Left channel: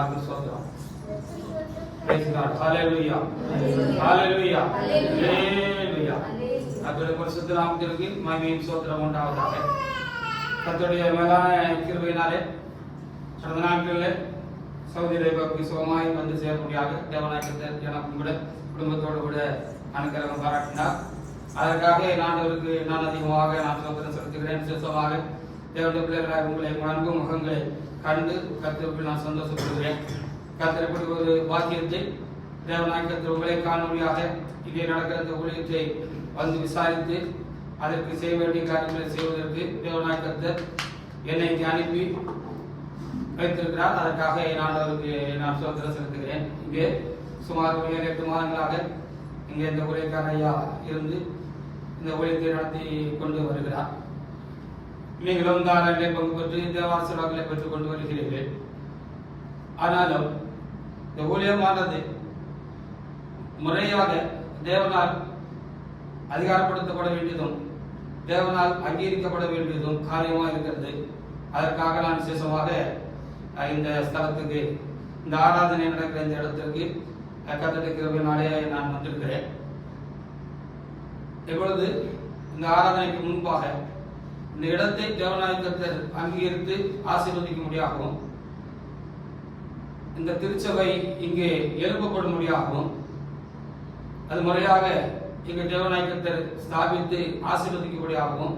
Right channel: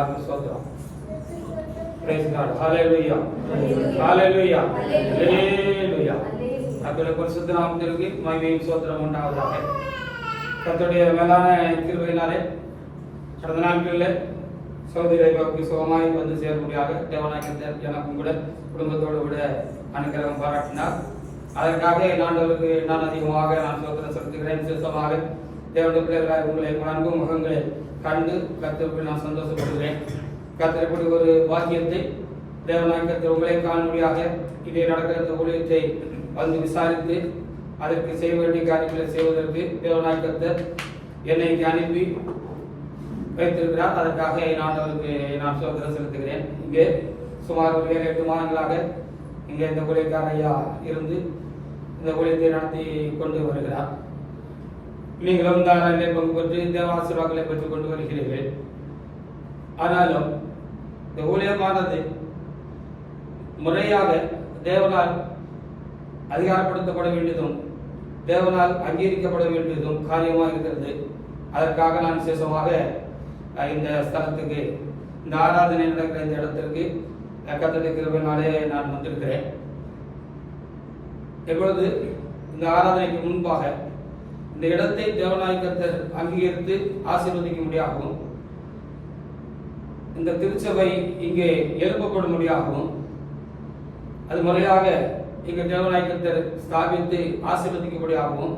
எல்லாருக்கும் சோத்திரம் Praise God. Hallelujah. Hallelujah. Hallelujah. கர்த்தருடைய பரிசுத்த நாமத்திற்கு மகிமையும் சோத்திரம் உண்டாவதாக கர்த்தருடைய மேலான கிருபையினாலே கடந்த நாட்களில் சகோதரி ரேபாவுக்கு சுகமாய் வந்து சேரும்படியாக தேவநாயகத்தை எனக்கும் கூட குடும்பத்தோடு கூட அனுகிரகம் பாராட்டினார் அதற்காக நான் நான் அதிகமாக நான் சோதனை செலுத்துகிறேன் விசேஷமாக தேவனுடைய பிள்ளைகளாக உங்களை வணங்கும் முகங்களை கண்டு கத்திற்கு நான் சந்தோஷப்படுகிறேன். கர்த்தருக்கு ஒரு வாக்கியத்தை தேவநாயகத்தை உங்களை காணொலியாக இங்கே நடக்கிற இந்த ஊழியத்தை வந்து விசாரித்து அதற்கு செய்ய வேண்டிய காரியங்களை செய்வதற்கு தேவநாயகத்தை என்னை இங்கே அனுப்பி வைத்திருக்கிறார். அதற்காக என் ஆண்டவருக்கு நான் சோதனை செலுத்துகிறேன். இங்கே சுமார் ஒரு ஏழு எட்டு மாதங்களாக இங்கே இந்த ஊழியக்கார ஐயா இருந்து இந்த ஊழியத்தை நடத்தி கொண்டு வருகிறார். நீங்களும் தாராளே பங்கு பெற்று தேவாசிர்வாதங்களை பெற்றுக் கொண்டு வருகிறீர்கள். ஆனாலும் இந்த ஊழியமானது முறையாக தேவனால் அதிகாரப்படுத்தப்பட வேண்டியதும் தேவனால் அங்கீகரிக்கப்பட வேண்டியதும் காரியமாக இருக்கிறது. அதற்காக நான் விசேஷமாக இந்த ஸ்தலத்துக்கு இந்த ஆராதனை நடக்கிற இந்த இடத்திற்கு கத்தட்ட கிருபினாலே நான் வந்திருக்கிறேன். எப்பொழுது இந்த ஆராதனைக்கு முன்பாக இந்த இடத்தை தேவநாயகத்தர் அங்கீகரித்து ஆசீர்வதிக்க முடியாகவும் இந்த திருச்சபை இங்கே எழுப்பப்படும்படியாகவும் அது முறையாக இங்கே தேவநாயகத்தர் ஸ்தாபித்து ஆசீர்வதிக்கும்படியாகவும்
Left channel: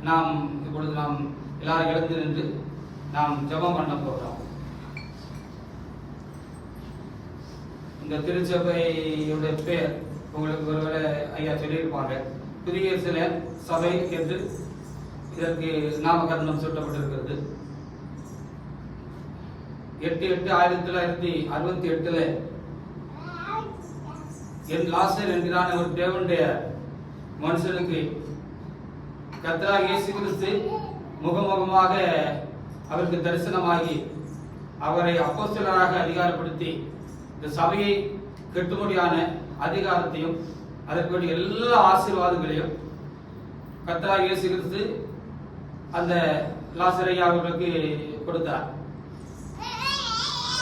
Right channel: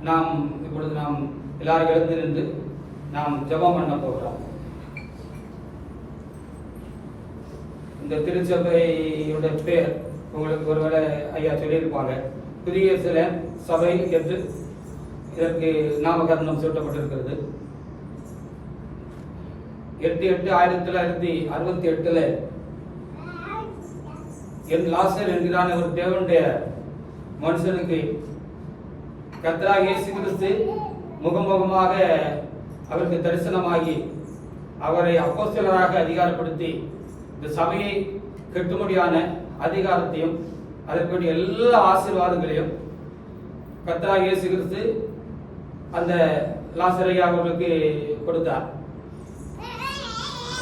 நாம் இப்பொழுது நாம் எல்லாரும் எழுந்து நின்று நாம் ஜெபம் பண்ண போட்டோம் இந்த திருச்சபையோட பேர் உங்களுக்கு ஒருவேளை ஐயா சொல்லியிருப்பாங்க. புதிய சில சபை என்று இதற்கு நாமகரணம் சூட்டப்பட்டிருக்கிறது. எட்டு எட்டு ஆயிரத்தி தொள்ளாயிரத்தி அறுபத்தி எட்டுல என் லாசன் என்கிறான ஒரு தேவனுடைய மனுஷனுக்கு. கத்ரா இயேசு கிறிஸ்து முகமுகமாக அவருக்கு தரிசனமாகி அவரை அப்போஸ்தலராக அதிகாரப்படுத்தி இந்த சபையை கெட்டும்படியான அதிகாரத்தையும் அதற்குரிய எல்லா ஆசீர்வாதங்களையும் கத்ரா இயேசு கிறிஸ்து அந்த லாசரை அவர்களுக்கு கொடுத்தார்.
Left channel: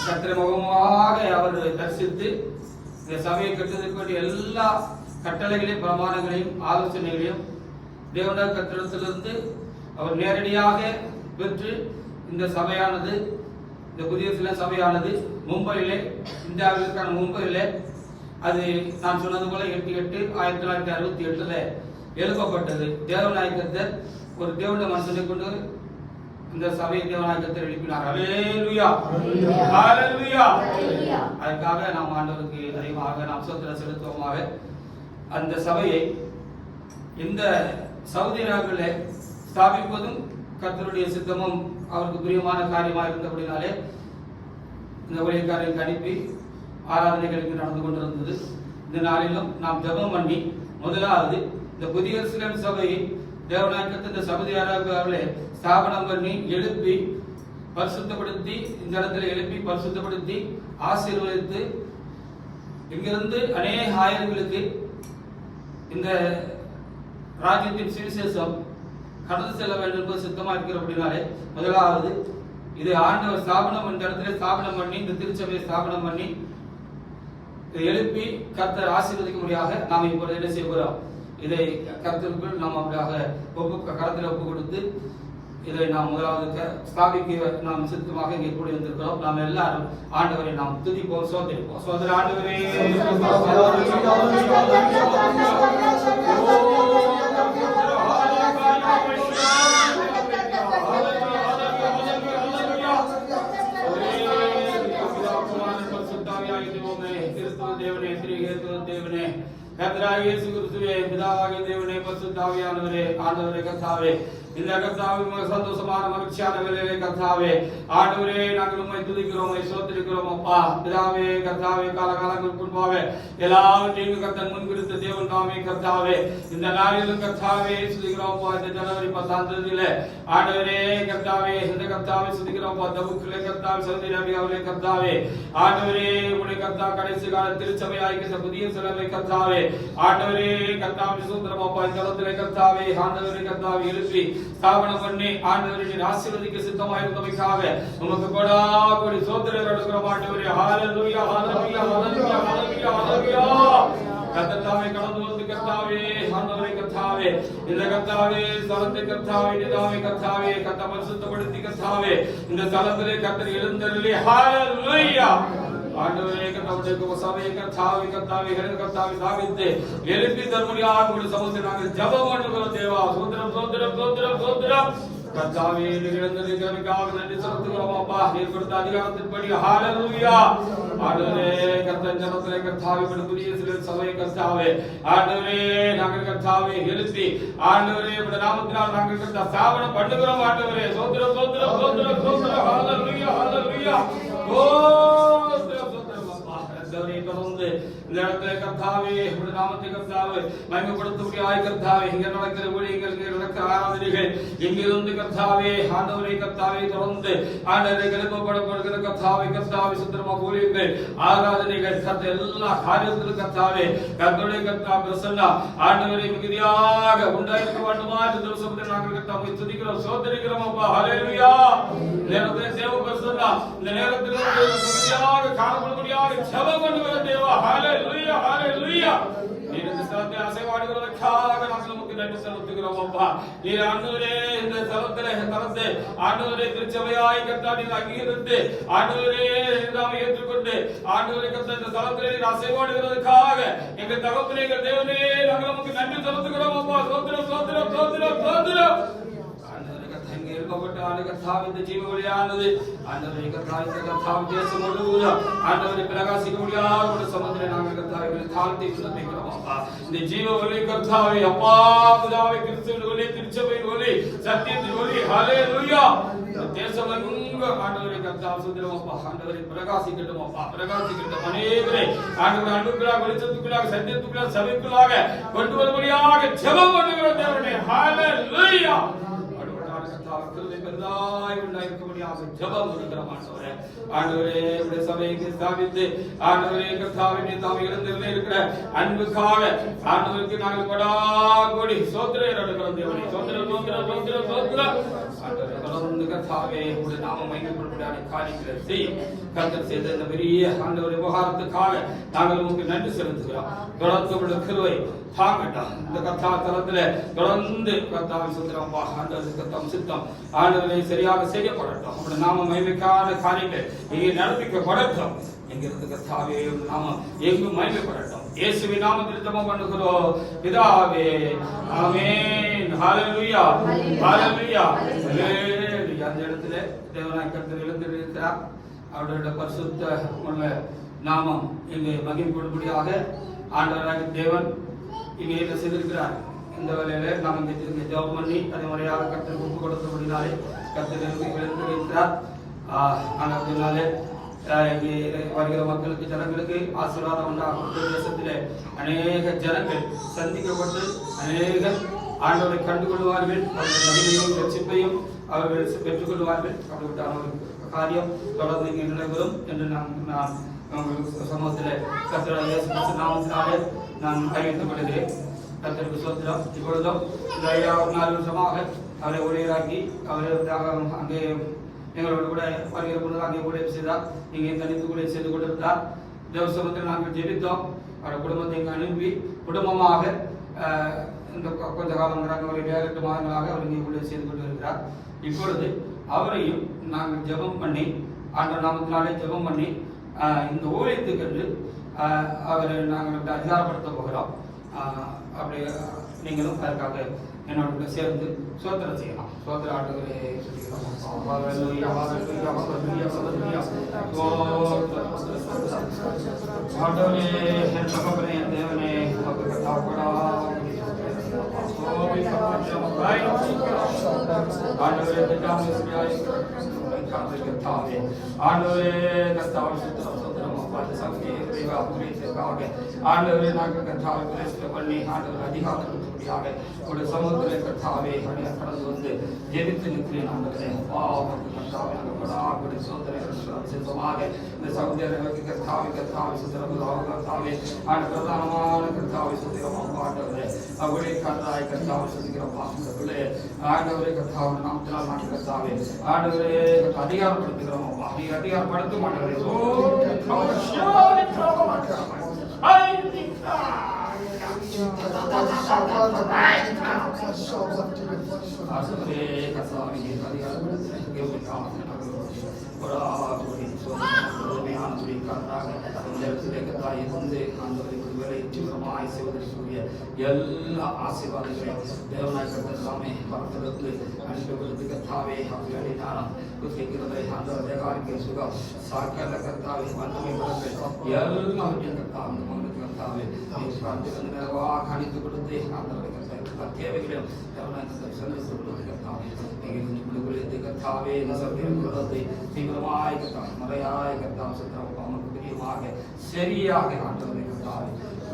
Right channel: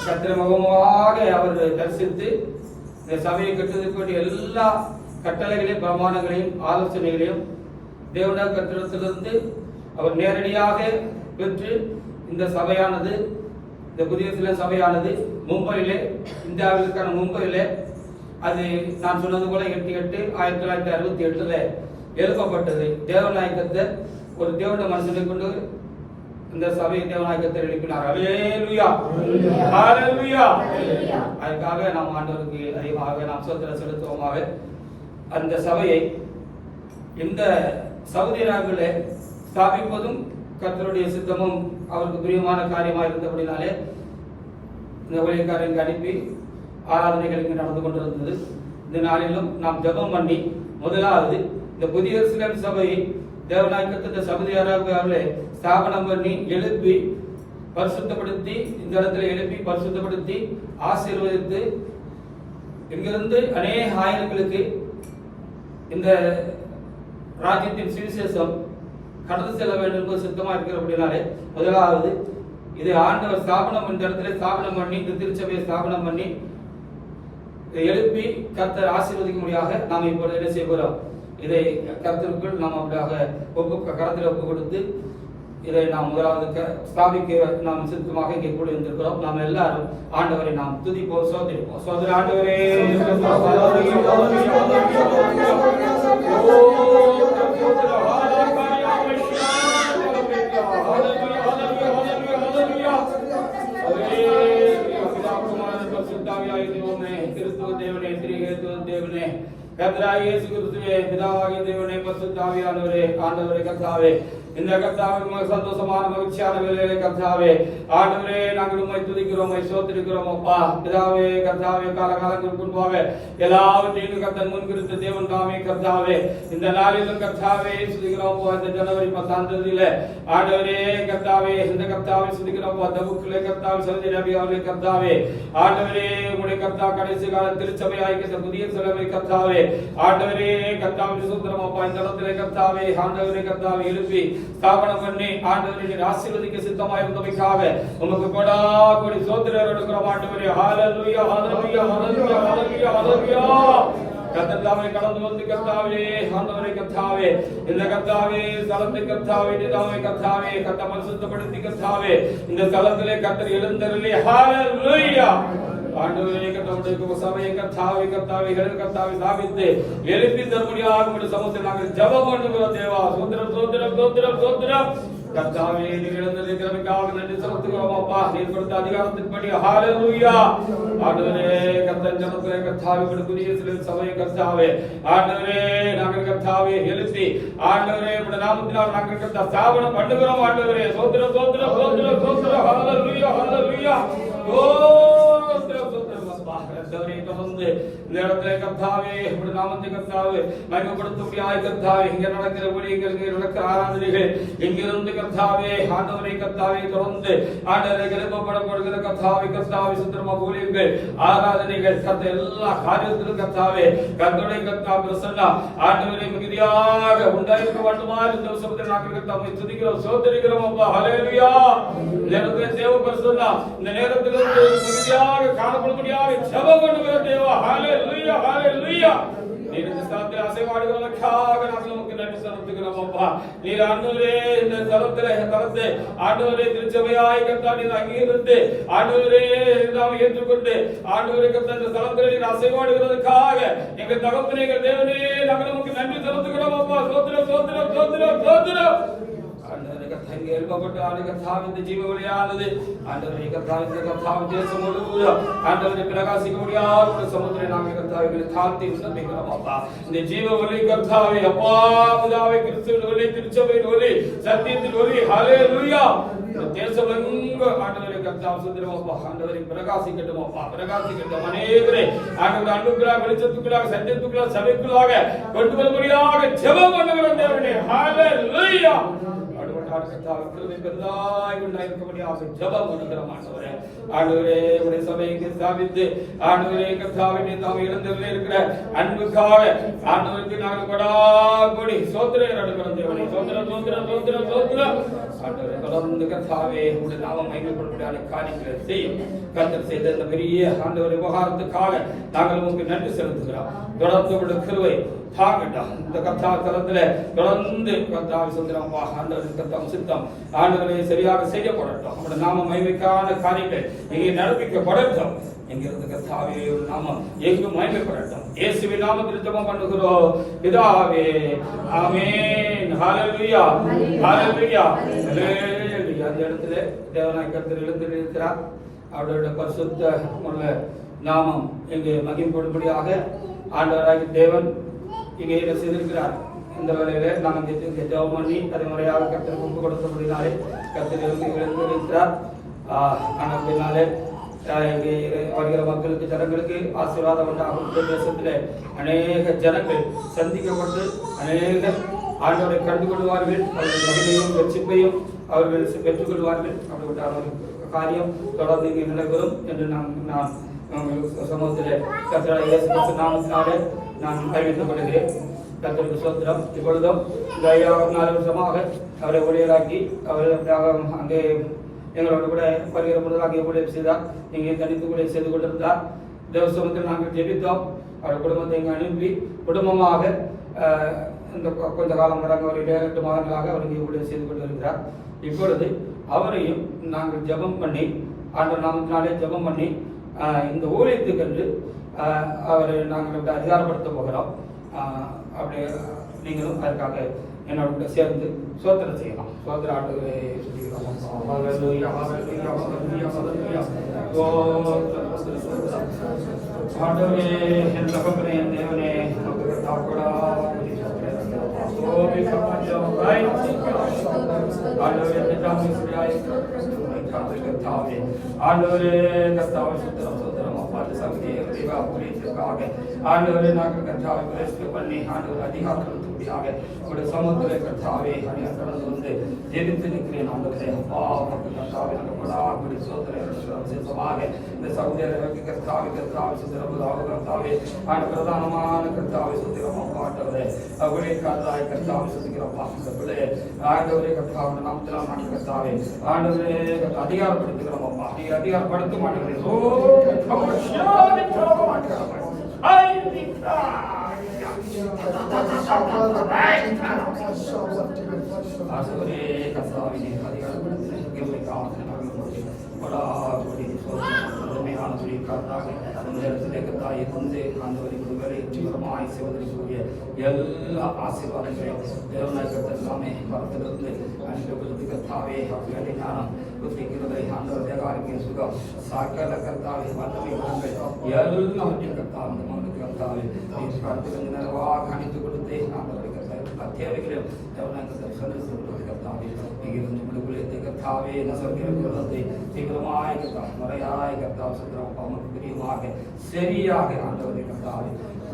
கத்திர முகமாக அவர் தரிசித்து இந்த சபையை கட்டுவதற்கு வேண்டிய எல்லா கட்டளைகளையும் பிரமாணங்களையும் ஆலோசனைகளையும் தேவன கட்டிடத்திலிருந்து அவர் நேரடியாக பெற்று இந்த சபையானது இந்த புதிய சில சபையானது மும்பையிலே இந்தியாவிற்கான மும்பையிலே அது நான் சொன்னது போல எட்டு எட்டு ஆயிரத்தி தொள்ளாயிரத்தி அறுபத்தி எட்டுல எழுப்பப்பட்டது. தேவநாயகத்தை ஒரு தேவன மனுஷனை கொண்டு இந்த சபையை தேவநாயகத்தை எழுப்பினார் அலேலுயா ஹalleluya அதுக்காக நாம் ஆண்டவருக்கு அதிகமாக நாம் சொத்திர செலுத்துவோமாக. அந்த சபையை இந்த சவுதி நாட்டிலே ஸ்தாபிப்பதும் கர்த்தருடைய சித்தமும் அவருக்கு பிரியமான காரியமாக இருந்தபடினாலே இந்த ஊழியக்காரருக்கு அனுப்பி ஆராதனைகளுக்கு நடந்து கொண்டிருந்தது. இந்த நாளிலும் நாம் ஜெபம் பண்ணி முதலாவது இந்த புதிய சிலர் சபையை தேவநாயகத்தின் இந்த சபதியாராகவே ஸ்தாபனம் பண்ணி எழுப்பி பரிசுத்தப்படுத்தி இந்த இடத்துல எழுப்பி பரிசுத்தப்படுத்தி ஆசீர்வதித்து இங்கிருந்து அநேக ஆயிரங்களுக்கு இந்த ராஜ்யத்தின் சுவிசேஷம் கடந்து செல்ல வேண்டும் என்பது சுத்தமா இருக்கிற அப்படின்னாலே முதலாவது இது ஆண்டவர் ஸ்தாபனம் இந்த இடத்துல ஸ்தாபனம் பண்ணி இந்த திருச்சபையை ஸ்தாபனம் பண்ணி எழுப்பி கர்த்தர் ஆசீர்வதிக்கும்படியாக நாம் இப்பொழுது என்ன செய்ய இதை கருத்திற்குள் நாம் அப்படியாக ஒப்பு கருத்தில் ஒப்பு கொடுத்து இதை நாம் முதலாவது ஸ்தாபிக்க நாம் சித்தமாக இங்கே கூடி வந்திருக்கிறோம் நாம் எல்லாரும் ஆண்டவரை நாம் துதிப்போம் சோதரிப்போம். சோதர ஆண்டவரே! கர்த்தராகிய தேவனே ஸ்ரீ பிதாவாகிய தேவனே கர்த்தாவே இந்த கர்த்தாவே உமக்கு சந்தோஷமான மகிழ்ச்சியான கர்த்தாவே ஆண்டவரே நாங்கள் உம்மை துதிக்கிறோம் சோத்திருக்கிறோம் அப்பா. பிதாவே கர்த்தாவே காலகாலங்களுக்கு முன்பாக எல்லாவற்றையும் கர்த்தன் முன்பிருத்த தேவன் தாமே கர்த்தாவே. இந்த நாளிலும் கர்த்தாவே சுதிக்கிறோம் இந்த ஜனவரி பத்தாம் தேதியில ஆண்டவரே கர்த்தாவே இந்த கர்த்தாவே சுதிக்கிறோம் அப்பா. தபுக்குலே கர்த்தாவே சவுதி நபி அவர்களே கர்த்தாவே. ஆண்டவரே உடைய கர்த்தா கடைசி கால திருச்சபை ஆகிய புதிய சிலவை கர்த்தாவே. ஆண்டவரே கர்த்தாவே சுதந்திரம் அப்பா. இந்த இடத்திலே கர்த்தாவே ஆண்டவரே எழுப்பி ஸ்தாபனம் பண்ணி ஆண்டவரை ஆசீர்வதிக்க சித்தமாக இருந்தமைக்காக உமக்கு கொடா கொடி சோத்திரர் எடுக்கிறோம் ஆண்டவரே ஹalleluya ஹalleluya ஹalleluya ஹalleluya ஹalleluya. கர்த்தாவே கடந்து வந்து கர்த்தாவே ஆண்டவரே கர்த்தாவே. இந்த கர்த்தாவே ஸ்தலத்தை கர்த்தாவே நிதாவே கர்த்தாவே. கர்த்தா பரிசுத்தப்படுத்தி கர்த்தாவே. இந்த ஸ்தலத்திலே கர்த்தர் எழுந்தருளே. ஹalleluya. ஆண்டவரே கர்த்தாவுடைய சபையை கர்த்தாவே கர்த்தாவே எழுப்பி தருமடியாக உடைய சமூகத்தை நாங்கள் ஜெபம் பண்ணுகிறோம் தேவா. சோத்திரம் சோத்திரம் சோத்திரம் சோத்திரம் கர்த்தாவே எழுந்திருக்கிறதுக்காக நன்றி செலுத்துகிறோம் அப்பா. நீர் கொடுத்த அதிகாரத்தின்படி. ஹalleluya ஆண்டவரே கர்த்தன் ஜனத்திலே கர்த்தாவே படுக்குரிய சிறு சபையை கர்த்தாவே ஆண்டவரே நாங்கள் கர்த்தாவே எழுப்பி. ஆண்டவரே உடைய நாமத்தினால் நாங்கள் கர்த்தா ஸ்தாபனம் பண்ணுகிறோம் ஆண்டவரே. சோத்திரம் சோத்திரம் சோத்திரம் சோத்திரம் ஹalleluya ஹalleluya சோத்திரம் கர்த்தாவே தொடர்ந்து இந்த இடத்துல கர்த்தாவே உடைய நாமத்தை கர்த்தாவே மகிமைப்படுத்தபடியாய் கர்த்தாவே இங்க நடக்கிற ஊழியர்கள் இங்க நடக்கிற ஆராதனைகள் இங்கிருந்து கர்த்தாவே ஆண்டவரை கர்த்தாவே தொடர்ந்து ஆண்டவரை எழுப்பப்படப்படுகிற கர்த்தாவை கர்த்தாவை சுத்திரமா ஊழியர்கள் ஆராதனைகள் கர்த்த எல்லா காரியத்திலும் கர்த்தாவே கர்த்தனை கர்த்தா பிரசன்னா ஆண்டவரை மிகுதியாக உண்டாயிருக்க வேண்டுமா இந்த சமுத்திர நாங்கள் கர்த்தாவை துதிக்கிறோம் சோதரிக்கிறோம் அப்பா ஹalleluya நேரத்தை தேவ பிரசன்னா இந்த நேரத்தில் மிகுதியாக காணப்படும்படியாக ஜெபம் பண்ணுகிறோம் தேவா ஹalleluya ஹalleluya நீர் இந்த ஸ்தலத்தை அசைவாடுகிறதற்காக நாங்கள் உமக்கு நன்றி செலுத்துகிறோம் அப்பா. நீர் ஆண்டவரே இந்த ஸ்தலத்திலே தலத்தை ஆண்டவரே திருச்சபையாய் கர்த்தா நீர் அங்கீகரித்து ஆண்டவரே நாம் ஏற்றுக்கொண்டு ஆண்டவரே கர்த்தா இந்த ஸ்தலத்திலே நீர் அசைவாடுகிறதற்காக எங்கள் தகத்திலே எங்கள் தேவனே நாங்கள் உமக்கு நன்றி செலுத்துகிறோம் அப்பா. சோத்திரம் சோத்திரம் சோத்திரம் சோத்திரம். ஆண்டவரே கர்த்தா இங்கே ஆண்டு கர்த்தாவே ஜீவ வழியானது ஆண்டவரை கர்த்தாவே இந்த கர்த்தாவே தேசம் முழுவதும் ஆண்டவரே பிரகாசிக்க முடியாத ஒரு நாங்கள் கர்த்தாவே தாழ்த்தி விண்ணப்பிக்கிறோம் அப்பா இந்த ஜீவ ஒளி கர்த்தாவே அப்பா பிதாவே கிறிஸ்துவின் ஒளி திருச்சபையின் ஒளி சத்தியத்தின் ஒளி ஹலே லுயா தேசம் எங்க ஆண்டவரை கர்த்தா சுத்திரம் ஆண்டவரை பிரகாசிக்கட்டும் அப்பா பிரகாசிக்கட்டும் அநேகரை ஆண்டவர் அன்புக்குள்ளாக வெளிச்சத்துக்குள்ளாக சத்தியத்துக்குள்ளாக சபைக்குள்ளாக கொண்டு வரும்படியாக ஜெபம் பண்ணுகிற தேவனே ஹalleluya ஆண்டவராக கர்த்தாவே கிருபை பெரிதாய் உண்டாயிருக்கும்படியாக ஜெபம் பண்ணுகிறோம் ஆண்டவரே உடைய சபையை ஸ்தாபித்து ஆண்டவரே தாம் இருக்கிற அன்புக்காக ஆண்டவருக்கு நாங்கள் கொடா கொடி சோத்திரம் தேவனே சோத்திரம் சோத்திரம் சோத்திரம் சோத்திரம் ஆண்டவரே தொடர்ந்து கர்த்தாவே உடைய காரியங்களை செய்யும் கர்த்தர் செய்த இந்த பெரிய ஆண்டவர் விவகாரத்துக்காக நாங்கள் உங்களுக்கு நன்றி செலுத்துகிறோம் தொடர்ந்து உடைய கிருவை தாங்கட்டா. இந்த கத்தா தலத்துல தொடர்ந்து கத்தாவை சொல்கிறோம் ஆண்டவர் கத்தம் சித்தம் ஆண்டவரை சரியாக செய்யப்படட்டும் நம்முடைய நாம மகிமைக்கான காரியங்கள் இங்கே நடப்பிக்கப்படட்டும் என்கிறது கத்தாவே நாமம் எங்கும் மகிமைப்படட்டும். இயேசுவின் நாமத்தில் ஜெபம் பண்ணுகிறோம். பிதாவே ஆமென். ஹalleluya. ஹalleluya. ஹalleluya. அந்த இடத்துல தேவனாய் கர்த்தர் எழுந்திருக்கிறார் அவருடைய பரிசுத்த நாமம் இங்கே மகிமைப்படும்படியாக தேவன் இங்கே செய்திருக்கிறார். இந்த வேலையில நாம் இங்கே இங்கே ஜெபம் பண்ணி அது முறையாக கர்த்தருக்கு ஒப்பு கொடுத்தபடினாலே கர்த்தர் எழுந்து எழுந்திருக்கிறார் பின்னாலே இங்கே வருகிற மக்களுக்கு ஜனங்களுக்கு ஆசீர்வாதம் உண்டாகும். இந்த தேசத்திலே அநேக ஜனங்கள் சந்திக்கப்பட்டு அநேக ஆண்டவரை கண்டு கொள்வார்கள் அவர்கள் மகிமையும் ரட்சிப்பையும் அவர்கள் பெற்றுக் கொள்வார்கள் அப்படிப்பட்ட காரியம் தொடர்ந்து இங்கே நடைபெறும் என்று நான் நான் சமூகத்தில் கத்திர இயேசு நாமத்தினாலே நான் அறிவித்துக் கொள்கிறேன். கர்த்தருக்கு சோத்திரம். இப்பொழுதும் இந்த ஐயா ஒரு நாலு வருஷமாக அவரை ஊழியராக்கி அவர் அங்கே எங்களோட கூட வருகிற பொழுது அங்கே கூட செய்தார். இங்கே தனித்து கூட செய்து கொண்டிருந்தார். தேவ நாங்கள் ஜெபித்தோம். அவர் குடும்பத்தை இங்கே அனுப்பி குடும்பமாக இந்த கொஞ்ச காலம் நடக்க ஒரு எட்டு மாதங்களாக அவர் இங்கே ஊழியர் செய்து கொண்டிருக்கிறார். இப்பொழுது அவரையும் நாங்கள் ஜெபம் பண்ணி ஆண்டவர் நாமத்தினாலே ஜெபம் பண்ணி இந்த ஊழியத்துக்கென்று அவரை நாங்கள் அப்படி அதிகாரப்படுத்த போகிறோம் அப்படி நீங்களும் அதற்காக என்னோட சேர்ந்து சோத்திரம் செய்யலாம் சோத்திரம், சோத்திரம். ஆண்டவரே, என் ஆண்டவரே, திட்டாமல் தாவே. ஆண்டவரே, கர்த்தாவே, சுத்திரம், சுத்திரம், அப்பாட்டு சக்தியே, தேவ அபிஷேகத்திற்காக ஆண்டவரே நாங்கள் கர்த்தாவை பிரேசிக்க பண்ணி ஆண்டவர் அதிகாரம் கூடியாக ஒரு சமூகத்திலே கர்த்தாவே அடியா கடந்து வந்து ஜெபித்து நிற்கிறேன் ஆண்டவரே. அப்பா உமக்கு கர்த்தாவே நாங்கள் படாபடி சோதனை விசேஷமாக இந்த சகோதரர்களுக்கு கர்த்தாவை கர்த்தாவை சுத்திரம் கர்த்தாவே ஆண்டு பிரதானமான கர்த்தாவை சுத்திரமா பாட்டவரே அவளே கர்த்தாய் கர்த்தாவை சுத்திக்கிறப்பா இந்த பிள்ளை ஆண்டவரே கர்த்தாவை நாமத்திலாம் ஆண்டு கர்த்தாவே ஆண்டவரே அதிகாரப்படுத்துகிறோம் அப்பா நீ அதிகாரப்படுத்த மாட்டேன் ஆண்டவரே கர்த்தாவே நீ அதிகாரப்படுத்த எல்லா ஆசீர்வாதங்களும் தேவனாய்ப்பட்ட சாமி பரத்திலிருந்து அன்பு கொடுத்து கத்தாவே அப்படின்னா குத்திக்கிறது அந்த காரியம் சுகம் சாக்கட கத்தாவே வல்லமை குணங்கள் எல்லாவற்றையும் கத்தாவே மகனுக்கு கத்தாவே நீ அணிந்து கொடுத்து ஆண்டவரை கத்தாவே தேவைகளும் தேவனாய்ப்பட்ட சந்தித்து கொடுத்து கத்தாவே நீங்கள் முழுவதும் கத்தாவே என்ன சொல்கிறது தீவிரமாய் கத்தாவே முறையாய் கத்தாவே சுத்திரம் அவனுக்கு பிரியமாக சரியாக ஆண்டவரை கத்தாவே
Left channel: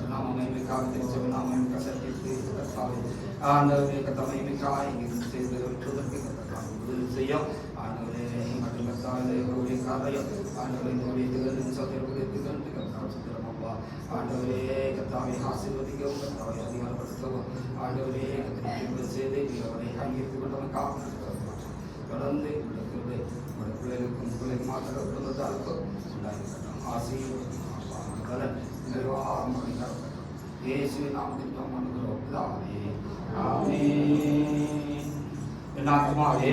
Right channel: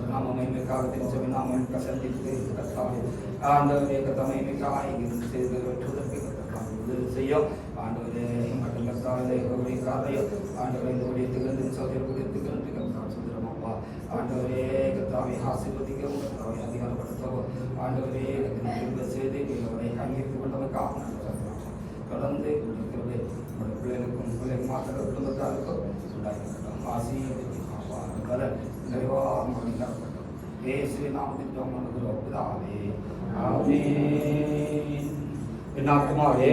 நாம மகிமைக்காக தெரிஞ்ச நாம கசத்தி கத்தாவே ஆண்டவரை கத்த மகிமைக்காய் செய்து வெற்றுவதற்கு கத்தாவே உதவி செய்யும் ஆண்டவரே மட்டும் கத்தாவே கௌரி காரையும் ஆண்டவரை இந்த வீட்டுக்கு சொல்லி புரித்துக்கு கத்தாவே சுத்திரம் அப்பா ஆண்டவரே கத்தாவை ஆசீர்வதிக்கவும் கத்தாவை அதிகாரப்படுத்தவும் ஆண்டவரே கத்திரிக்கை செய்து அவரை அங்கீகரித்து கொண்டவனுக்காக தொடர்ந்து இருக்கிறது உங்களோட பிள்ளைகளுக்கு பிள்ளைக்கு மாத்திர குடும்பத்தாருக்கும் உண்டாயிருக்கட்டும் ஆசீர்வதிக்கும் பலன் நிர்வாகம் இயேசு நாமத்தில் தோமனுகிறோம் பிதாவே ஆமென் என் ஆத்மாவே